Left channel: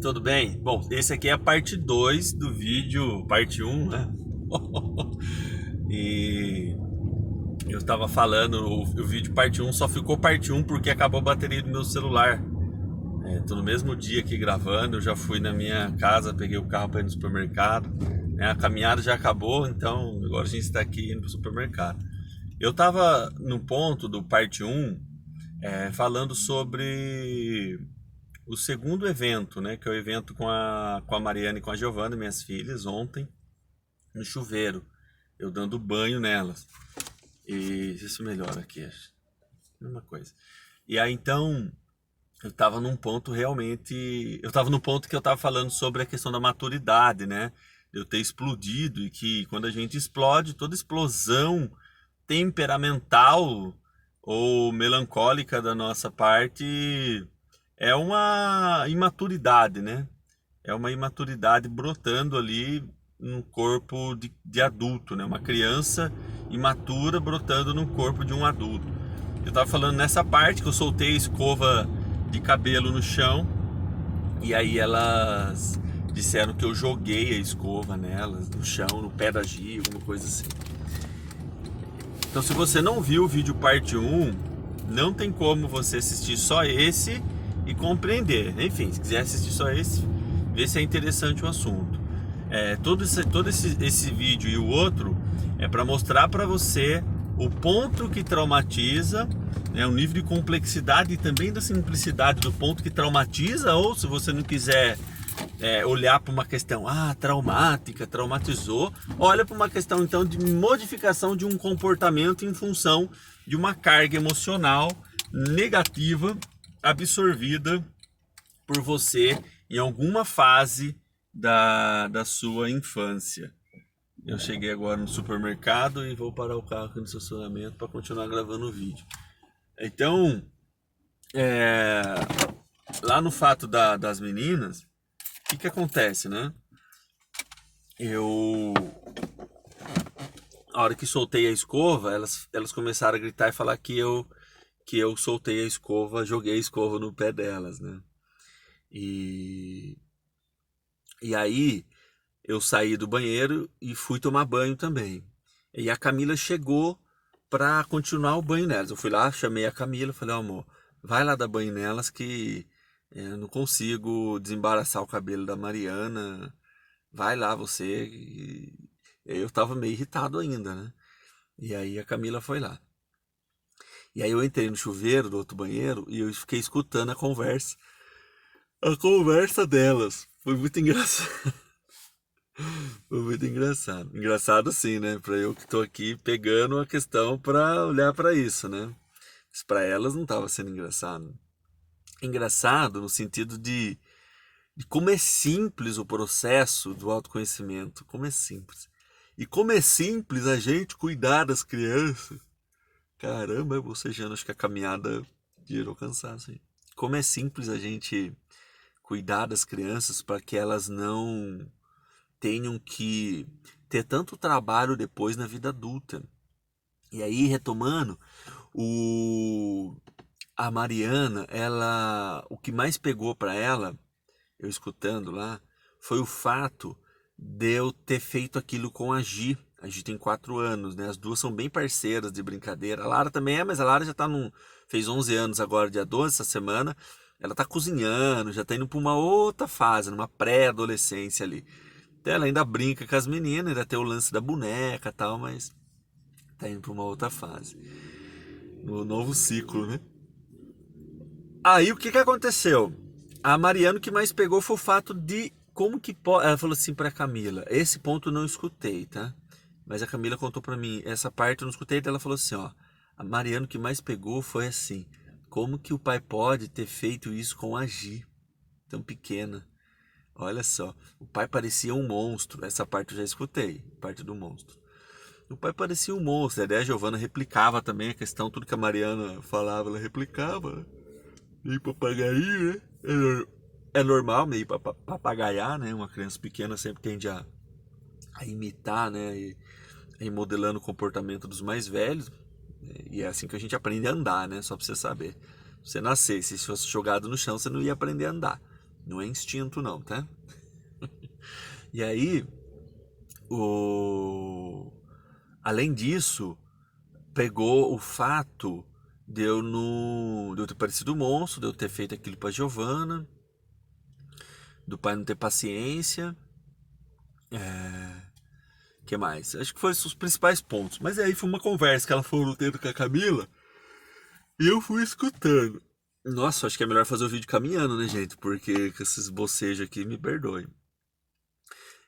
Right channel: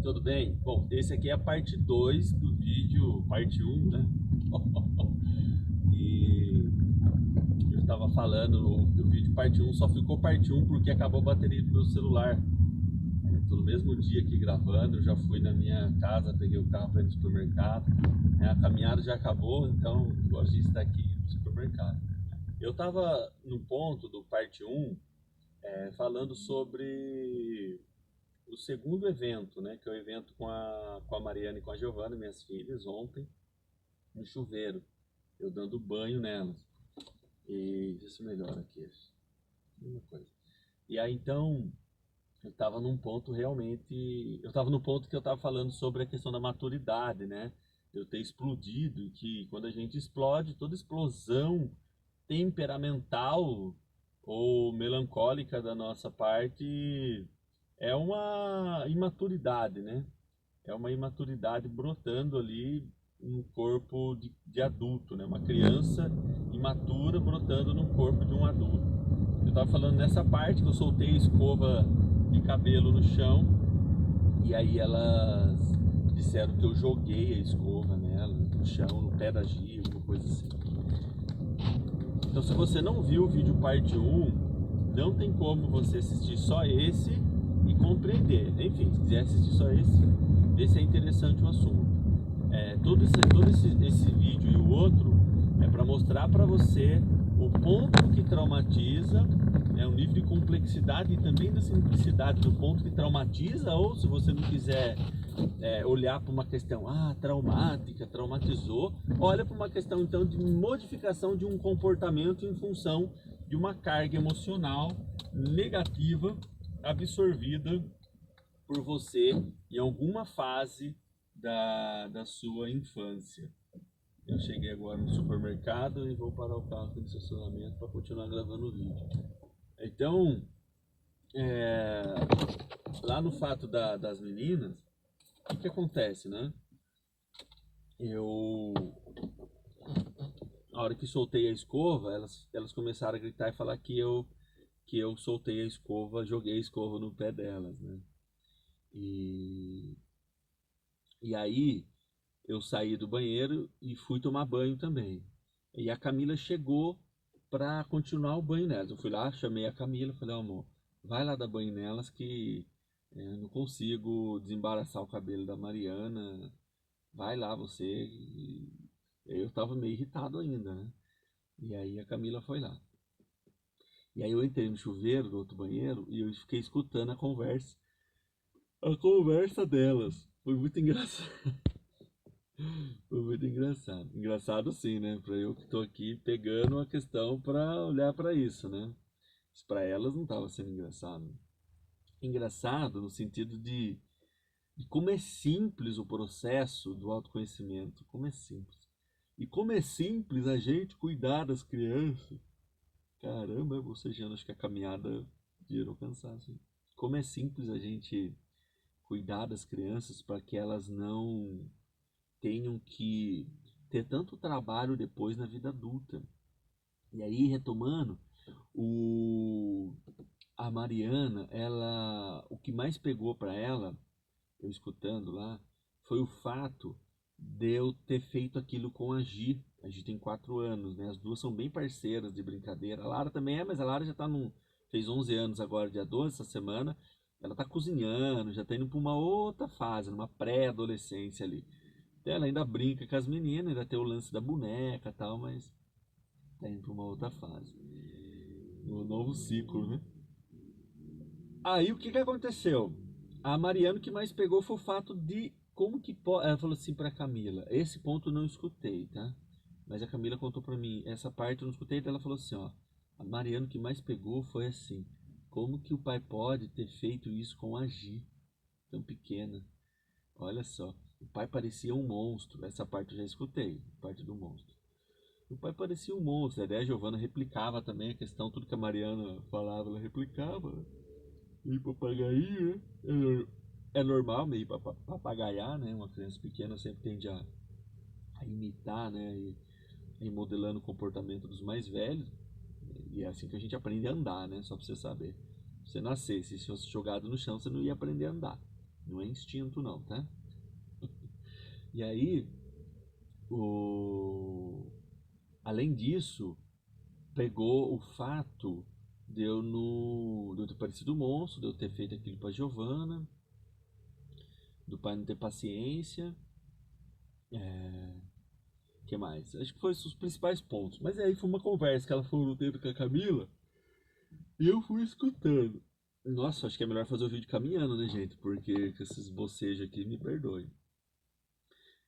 Tudo bem? Bom, esse aqui é a parte 2 do vídeo, parte um, né? E eu tava falando, o vídeo parte um só ficou parte um porque acabou a bateria do meu celular. Tô no mesmo dia aqui gravando, eu já fui na minha casa, peguei o carro para ir no supermercado. A caminhada já acabou, então agora a gente está aqui indo pro supermercado. Eu tava no ponto do parte um, falando sobre o segundo evento, né? Que é o evento com a Mariana e com a Giovana, minhas filhas, ontem, no chuveiro, eu dando banho nelas. E isso melhora aqui, acho. Mesma coisa. E aí então, eu tava num ponto realmente. Eu tava no ponto que eu tava falando sobre a questão da maturidade, né? Eu ter explodido e que quando a gente explode, toda explosão temperamental ou melancólica da nossa parte é uma imaturidade, né? É uma imaturidade brotando ali no corpo de adulto, né? Uma criança imatura brotando no corpo de um adulto. Eu tava falando nessa parte que eu soltei a escova de cabelo no chão e aí elas disseram que eu joguei a escova nelas, no chão, no pé da Gia, alguma coisa assim. Então, se você não viu o vídeo parte um, não tem como você assistir só esse e compreender. Enfim, se quiser assistir só esse, ver se é interessante o assunto. Todo esse vídeo e o outro é para mostrar para você o ponto que traumatiza, né, o nível de complexidade e também da simplicidade do ponto que traumatiza, ou se você não quiser olhar para uma questão traumática, traumatizou, olha para uma questão então de modificação de um comportamento em função de uma carga emocional negativa absorvida por você em alguma fase da sua infância. Eu cheguei agora no supermercado e vou parar o carro aqui no estacionamento para continuar gravando o vídeo. Então, é, lá no fato das meninas, o que acontece, né? A hora que soltei a escova, elas começaram a gritar e falar que eu soltei a escova, joguei a escova no pé delas, né? E, e aí eu saí do banheiro e fui tomar banho também. E a Camila chegou pra continuar o banho nelas. Eu fui lá, chamei a Camila, falei, amor, vai lá dar banho nelas que eu não consigo desembaraçar o cabelo da Mariana. Vai lá você. E eu tava meio irritado ainda, né? E aí a Camila foi lá. E aí eu entrei no chuveiro do outro banheiro e eu fiquei escutando a conversa. A conversa delas. Foi muito engraçado. Foi muito engraçado. Engraçado sim, né? Pra eu que tô aqui pegando a questão pra olhar pra isso, né? Mas pra elas não tava sendo engraçado. Engraçado no sentido de como é simples o processo do autoconhecimento. Como é simples. E como é simples a gente cuidar das crianças. Caramba, eu bocejando, acho que a caminhada gerou cansaço, hein? Como é simples a gente cuidar das crianças para que elas não tenham que ter tanto trabalho depois na vida adulta. E aí, retomando, o a Mariana, o que mais pegou para ela, eu escutando lá, foi o fato de eu ter feito aquilo com a Gi. A Gi tem 4 anos, né? As duas são bem parceiras de brincadeira. A Lara também é, mas a Lara já fez 11 anos agora, dia 12, essa semana. Ela tá cozinhando, já tá indo pra uma outra fase, numa pré-adolescência ali. Então ela ainda brinca com as meninas, ainda tem o lance da boneca e tal, mas tá indo pra uma outra fase. No novo ciclo, né? Aí o que que aconteceu? A Mariana o que mais pegou foi o fato de como que pode. Ela falou assim pra Camila: esse ponto eu não escutei, tá? Mas a Camila contou pra mim, essa parte eu não escutei, então ela falou assim: ó, a Mariana o que mais pegou foi assim: como que o pai pode ter feito isso com a Gi, tão pequena? Olha só, o pai parecia um monstro. Essa parte eu já escutei, parte do monstro. O pai parecia um monstro. A Giovana replicava também a questão, tudo que a Mariana falava, ela replicava. Meio papagaio, né? É normal meio papagaiar, né? Uma criança pequena sempre tende a imitar, né? E ir modelando o comportamento dos mais velhos. E é assim que a gente aprende a andar, né? Só pra você saber. Se você nascesse, se fosse jogado no chão, você não ia aprender a andar. Não é instinto não, tá? E aí, o... além disso, pegou o fato de eu ter parecido um monstro, de eu ter feito aquilo pra Giovanna, do pai não ter paciência. Que mais? Acho que foram os principais pontos. Mas aí foi uma conversa que ela foi tendo com a Camila e eu fui escutando. Nossa, acho que é melhor fazer o vídeo caminhando, né, gente? Porque com esses bocejos aqui, me perdoem.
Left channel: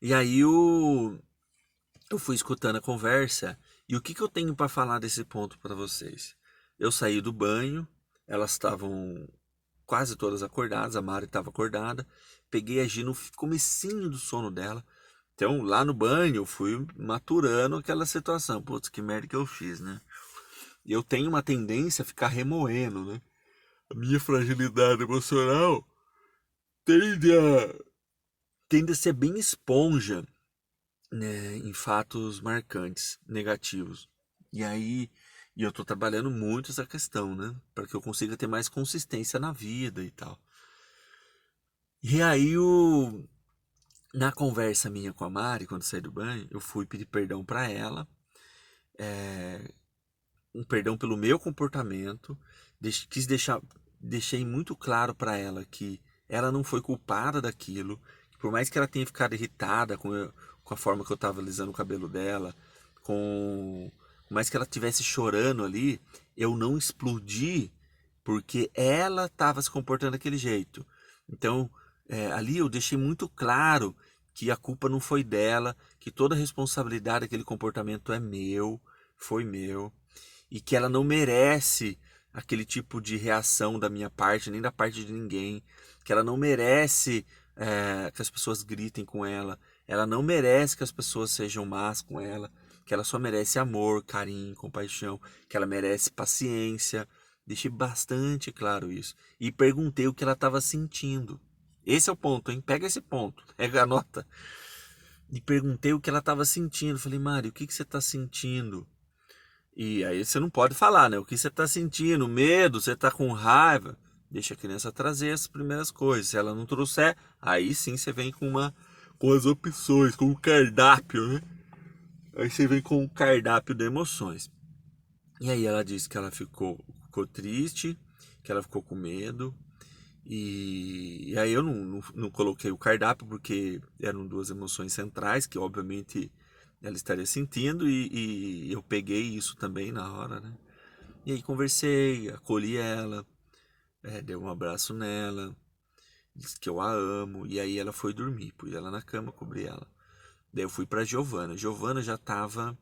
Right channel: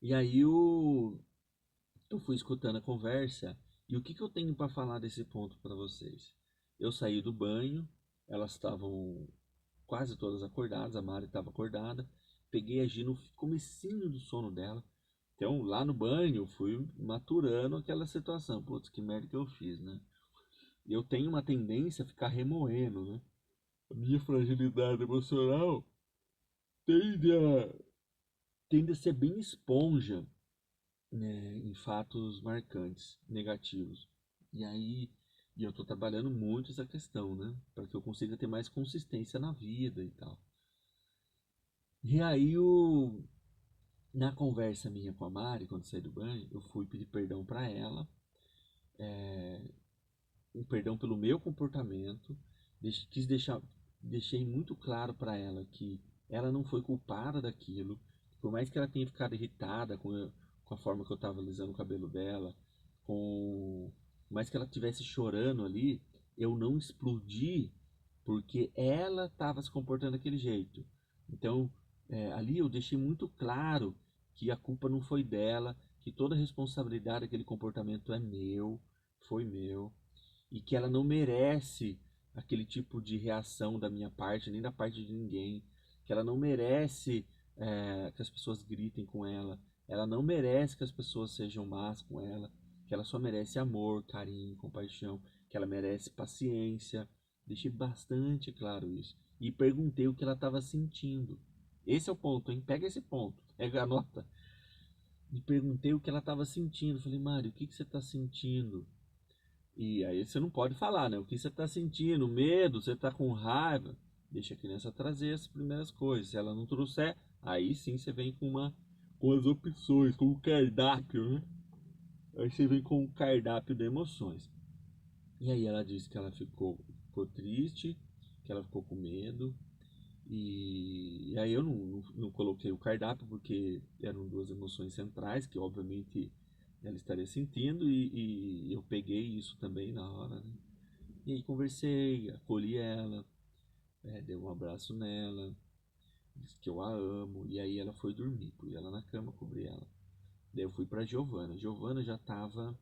E aí eu fui escutando a conversa e o que, que eu tenho para falar desse ponto para vocês? Eu saí do banho, elas estavam quase todas acordadas, a Mari estava acordada, peguei a Gi no comecinho do sono dela. Então, lá no banho, eu fui maturando aquela situação. Putz, que merda que eu fiz, né? E eu tenho uma tendência a ficar remoendo, né? A minha fragilidade emocional tende a, tende a ser bem esponja, né, em fatos marcantes, negativos. E aí, e eu tô trabalhando muito essa questão, né? Para que eu consiga ter mais consistência na vida e tal. E aí, na conversa minha com a Mari, quando saí do banho, eu fui pedir perdão para ela, um perdão pelo meu comportamento, quis deixar, deixei muito claro para ela que ela não foi culpada daquilo, que por mais que ela tenha ficado irritada com a forma que eu estava alisando o cabelo dela, por mais que ela estivesse chorando ali, eu não explodi porque ela estava se comportando daquele jeito. Então, ali eu deixei muito claro que a culpa não foi dela, que toda a responsabilidade daquele comportamento é meu, foi meu e que ela não merece aquele tipo de reação da minha parte, nem da parte de ninguém, que ela não merece que as pessoas gritem com ela não merece que as pessoas sejam más com ela, que ela só merece amor, carinho, compaixão, que ela merece paciência. Deixei bastante claro isso. E perguntei o que ela estava sentindo. Esse é o ponto, hein? Pega esse ponto, pega a nota. E perguntei o que ela estava sentindo. Falei, Mari, o que, que você está sentindo? E aí você não pode falar, né? O que você está sentindo, medo, você está com raiva. Deixa a criança trazer as primeiras coisas. Se ela não trouxer, aí sim você vem com as opções, com o cardápio, né? Aí você vem com o cardápio de emoções. E aí ela disse que ela ficou triste, que ela ficou com medo. E aí eu não coloquei o cardápio porque eram duas emoções centrais que obviamente ela estaria sentindo e eu peguei isso também na hora, né? E aí conversei, acolhi ela, dei um abraço nela, disse que eu a amo, e aí ela foi dormir, pus ela na cama, cobri ela. Daí eu fui pra Giovana. Giovana já tava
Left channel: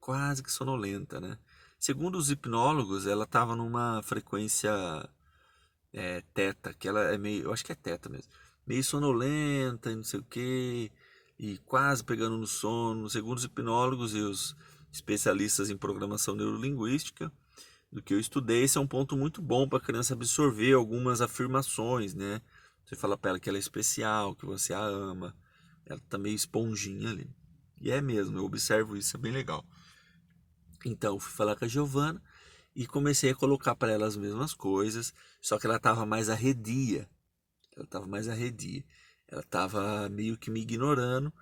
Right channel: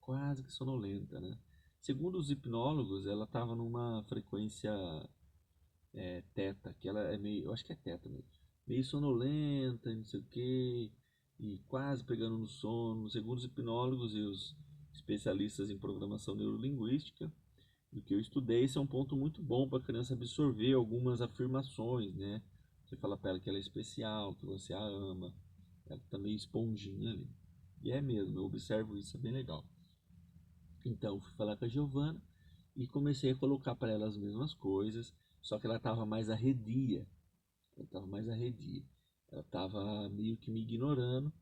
quase que sonolenta, né? Segundo os hipnólogos, ela tava numa frequência teta, que ela é meio, eu acho que é teta mesmo, meio sonolenta e não sei o quê, e quase pegando no sono. Segundo os hipnólogos e os especialistas em programação neurolinguística, do que eu estudei, esse é um ponto muito bom para a criança absorver algumas afirmações, né? Você fala para ela que ela é especial, que você a ama, ela tá meio esponjinha ali. E é mesmo, eu observo isso, é bem legal. Então, fui falar com a Giovana e comecei a colocar para ela as mesmas coisas, só que ela estava mais arredia. Ela estava mais arredia. Ela estava meio que me ignorando,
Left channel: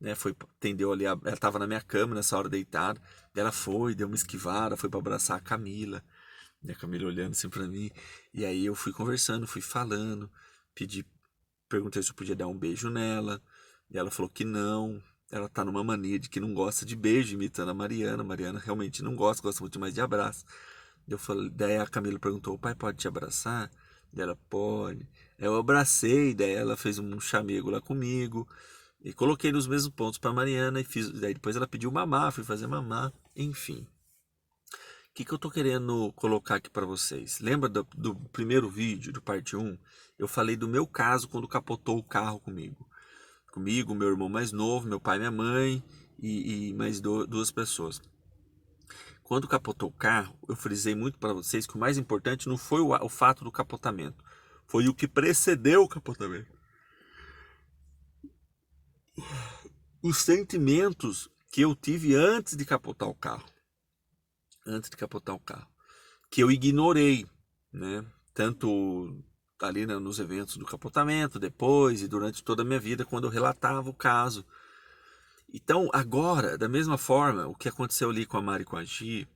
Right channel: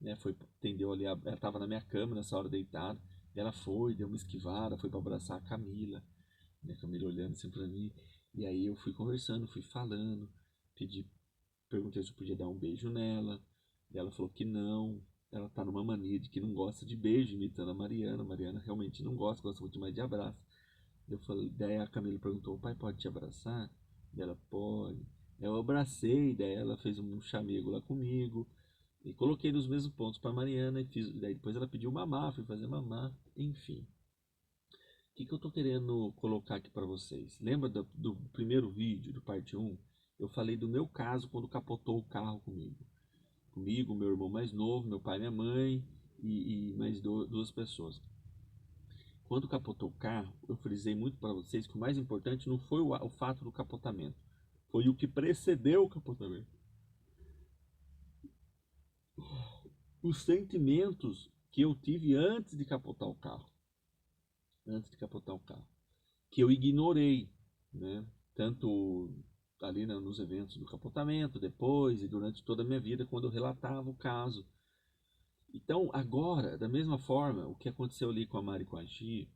né? Foi, atendeu ali, ela estava na minha cama nessa hora deitada. Ela foi, deu uma esquivada, foi para abraçar a Camila. E a Camila olhando assim para mim. E aí eu fui conversando, fui falando, pedi, perguntei se eu podia dar um beijo nela. E ela falou que não. Ela tá numa mania de que não gosta de beijo, imitando a Mariana. A Mariana realmente não gosta, gosta muito mais de abraço. Eu falei, daí a Camila perguntou: o pai pode te abraçar? Daí ela pode. Aí eu abracei, daí ela fez um chamego lá comigo. E coloquei nos mesmos pontos para Mariana e fiz. Daí depois ela pediu mamar, fui fazer mamar, enfim. O que, que eu tô querendo colocar aqui para vocês? Lembra do primeiro vídeo, do parte um? Eu falei do meu caso quando capotou o carro comigo. Comigo, meu irmão mais novo, meu pai e minha mãe e mais duas pessoas. Quando capotou o carro, eu frisei muito para vocês que o mais importante não foi o fato do capotamento, foi o que precedeu o capotamento. Os sentimentos que eu tive antes de capotar o carro. Antes de capotar o carro. Que eu ignorei, né? Tanto ali, né, nos eventos do capotamento, depois e durante toda a minha vida, quando eu relatava o caso. Então, agora, da mesma forma, o que aconteceu ali com a Mari e com a Gi,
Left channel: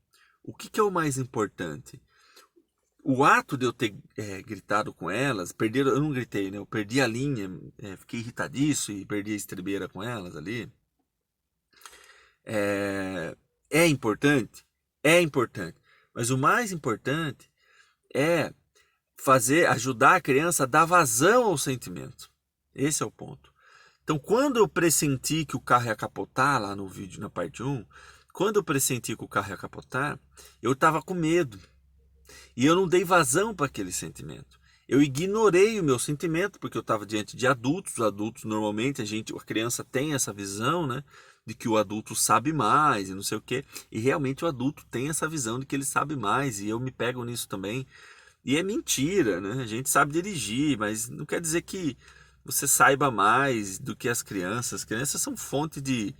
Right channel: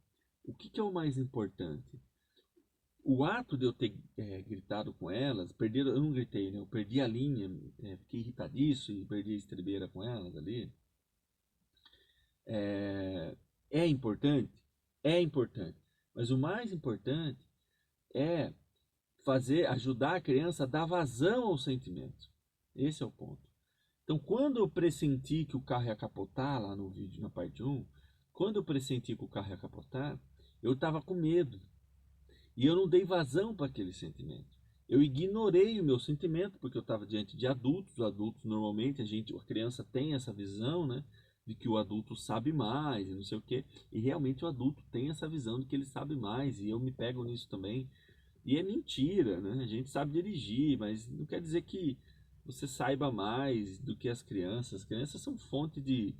o que é o mais importante? O ato de eu ter gritado com elas, eu não gritei, né? Eu perdi a linha, fiquei irritadiço e perdi a estribeira com elas ali. É, é importante? É importante. Mas o mais importante é ajudar a criança a dar vazão ao sentimento. Esse é o ponto. Então, quando eu pressenti que o carro ia capotar, lá no vídeo, na parte 1, quando eu pressenti que o carro ia capotar, eu estava com medo. E eu não dei vazão para aquele sentimento. Eu ignorei o meu sentimento, porque eu estava diante de adultos. Os adultos, normalmente, a criança tem essa visão, né? De que o adulto sabe mais e não sei o quê. E realmente o adulto tem essa visão de que ele sabe mais. E eu me pego nisso também. E é mentira, né? A gente sabe dirigir, mas não quer dizer que você saiba mais do que as crianças. As crianças são fonte de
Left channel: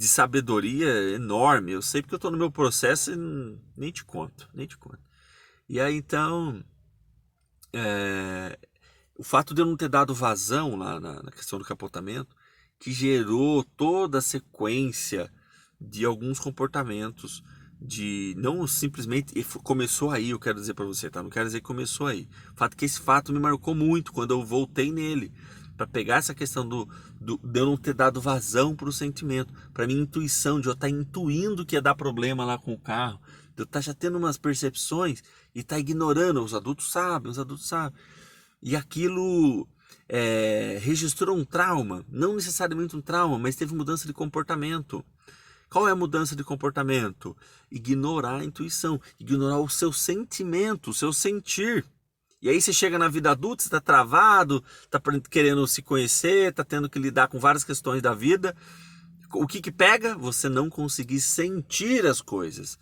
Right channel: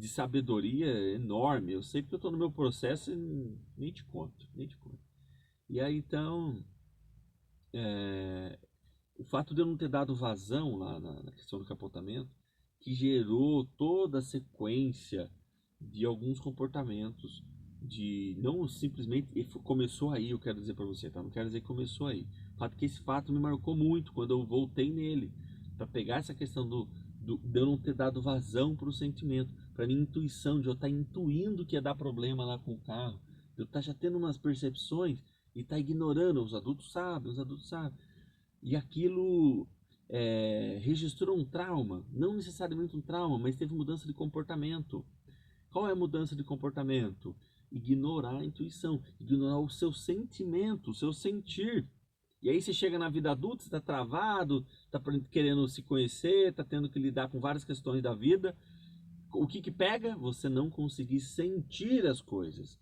sabedoria enorme. Eu sei porque eu estou no meu processo e nem te conto, nem te conto. E aí então, é, o fato de eu não ter dado vazão lá na questão do capotamento, que gerou toda a sequência de alguns comportamentos, de não simplesmente começou aí, eu quero dizer para você, tá? Não quero dizer que começou aí. O fato é que esse fato me marcou muito quando eu voltei nele, para pegar essa questão de eu não ter dado vazão para o sentimento, para minha intuição, de eu estar intuindo que ia dar problema lá com o carro, de eu estar já tendo umas percepções e estar ignorando. Os adultos sabem, os adultos sabem. E aquilo registrou um trauma, não necessariamente um trauma, mas teve mudança de comportamento. Qual é a mudança de comportamento? Ignorar a intuição, ignorar o seu sentimento, o seu sentir. E aí você chega na vida adulta, você está travado, está querendo se conhecer, está tendo que lidar com várias questões da vida. O que pega? Você não conseguir sentir as coisas,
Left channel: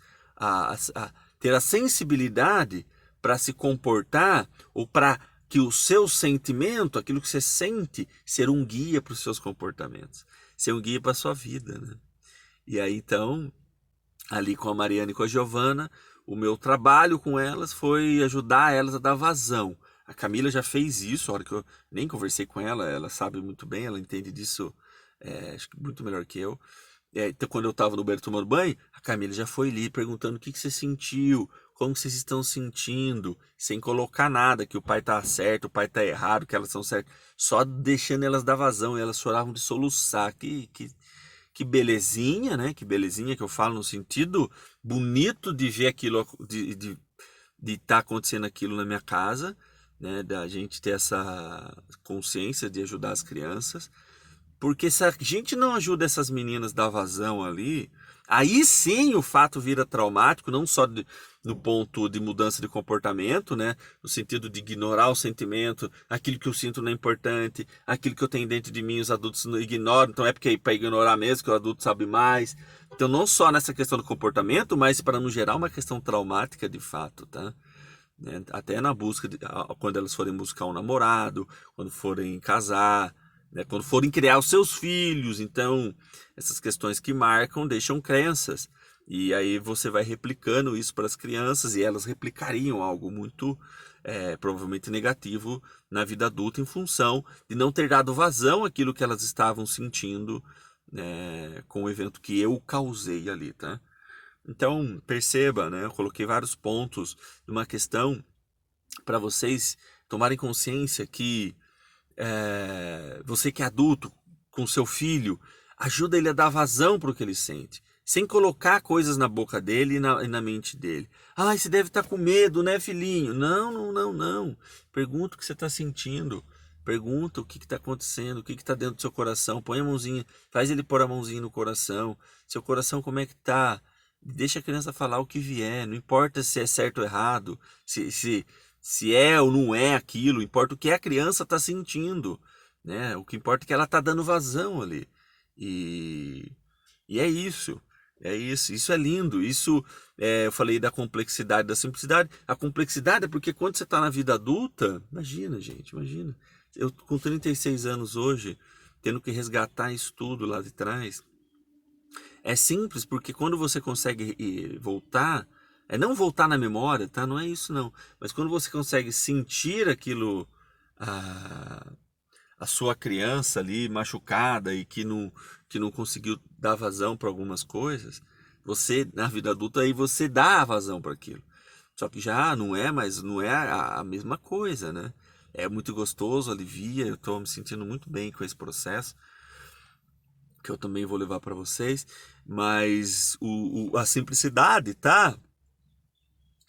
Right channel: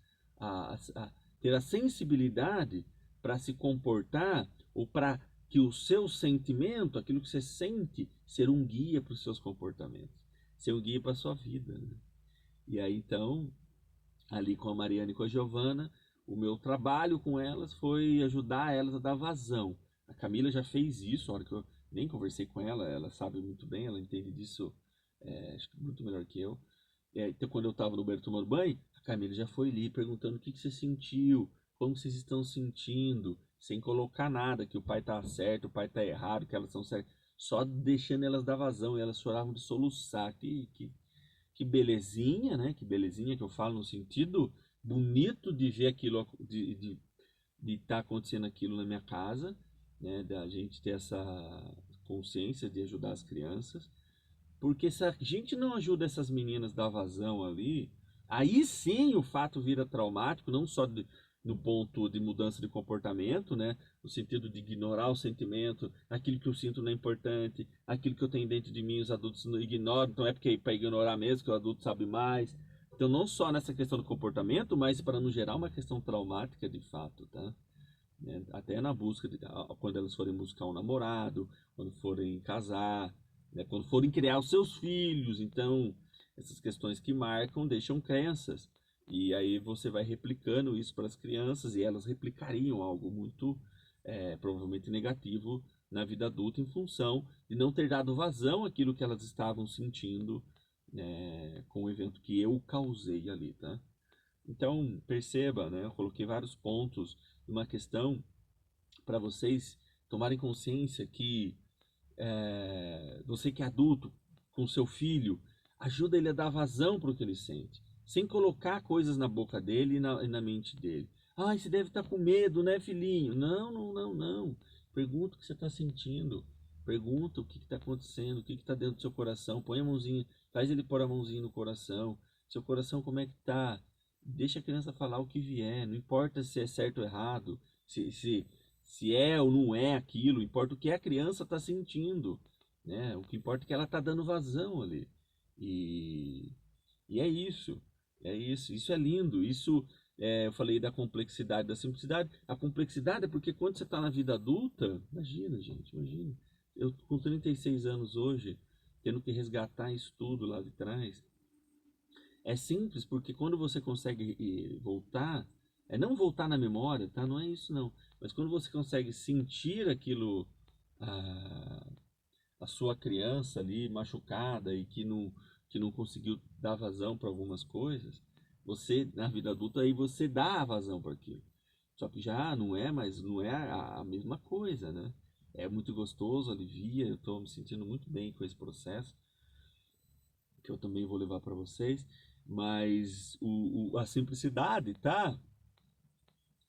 ter a sensibilidade para se comportar ou para que o seu sentimento, aquilo que você sente, ser um guia para os seus comportamentos, ser um guia para a sua vida, né? E aí então, ali com a Mariana e com a Giovana, o meu trabalho com elas foi ajudar elas a dar vazão. A Camila já fez isso, a hora que eu nem conversei com ela, ela sabe muito bem, ela entende disso, acho que muito melhor que eu. Então, quando eu estava no banheiro tomando banho, a Camila já foi ali perguntando o que você sentiu, como vocês estão sentindo, sem colocar nada, que o pai tá certo, o pai tá errado, que elas são certas, só deixando elas dar vazão, e elas choravam de soluçar. Que belezinha, né? Que belezinha que eu falo no sentido bonito de ver aquilo, de estar acontecendo aquilo na minha casa, né? Da gente ter essa consciência de ajudar as crianças. Porque se a gente não ajuda essas meninas a dar vazão ali, aí sim o fato vira traumático, não só no ponto de mudança de comportamento, né? No sentido de ignorar o sentimento, aquilo que eu sinto não é importante, aquilo que eu tenho dentro de mim os adultos não ignoram, então é porque é para ignorar mesmo, que o adulto sabe mais. Então não só nessa questão do comportamento, mas para no geral uma questão traumática de fato, tá? Né? Até na busca, quando elas forem buscar um namorado, quando forem casar, né? Quando forem criar os seus filhos. Então, essas questões que marcam deixam crenças. E aí você vai replicando isso para as crianças e elas replicariam algo muito, provavelmente negativo na vida adulta em função de não ter dado vazão àquilo que elas estavam sentindo, né, com o evento que eu causei ali, tá? Então, perceba, né? Eu coloquei vários pontos de uma questão para vocês tomarem consciência que você que é adulto, com seu filho, ajuda ele a dar vazão para o que ele sente, sem colocar coisas na boca dele e na mente dele. Ah, você deve estar com medo, né, filhinho? Não, não, não, não. Pergunta o que você está sentindo. Pergunta o que está acontecendo, o que está dentro do seu coração. Põe a mãozinha, faz ele pôr a mãozinha no coração. Seu coração como é que tá? Deixa a criança falar o que vier. Não importa se é certo ou errado, se é ou não é aquilo. Importa o que a criança está sentindo, né? O que importa é que ela está dando vazão ali. E, e é isso. É isso. Isso é lindo. Isso, eu falei da complexidade, da simplicidade. A complexidade é porque quando você está na vida adulta, imagina, gente, imagina. Eu com 36 anos hoje, tendo que resgatar isso tudo lá de trás. É simples porque quando você consegue voltar, É não voltar na memória, tá? Não é isso não. Mas quando você consegue sentir aquilo, a, a sua criança ali machucada e que não conseguiu dar vazão para algumas coisas, você na vida adulta aí você dá a vazão para aquilo. Só que já não é, mas não é a mesma coisa, né? É muito gostoso, alivia, eu estou me sentindo muito bem com esse processo, que eu também vou levar para vocês, mas a simplicidade tá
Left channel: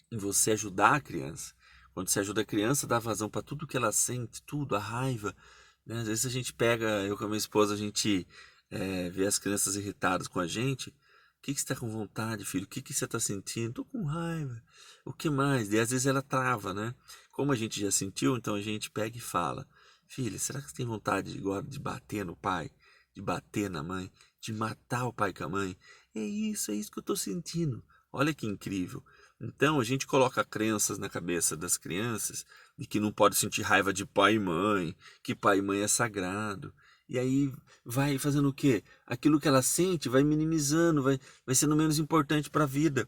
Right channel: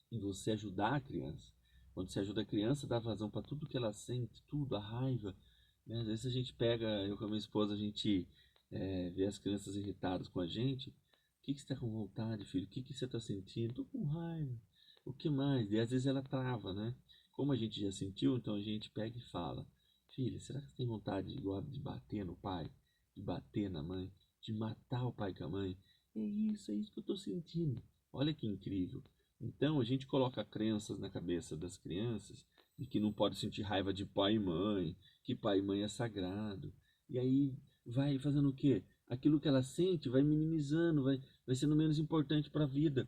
em você ajudar a criança. Quando você ajuda a criança, dá vazão para tudo que ela sente, tudo, a raiva, né? Às vezes a gente pega, eu com a minha esposa, a gente vê as crianças irritadas com a gente. O que que você está com vontade, filho? O que que você está sentindo? Tô com raiva. O que mais? E às vezes ela trava, né? Como a gente já sentiu, então a gente pega e fala: filha, será que você tem vontade agora de bater no pai? De bater na mãe? De matar o pai com a mãe? É isso que eu tô sentindo. Olha que incrível. Então a gente coloca crenças na cabeça das crianças de que não pode sentir raiva de pai e mãe, que pai e mãe é sagrado. E aí vai fazendo o quê? Aquilo que ela sente vai minimizando, vai sendo menos importante para a vida.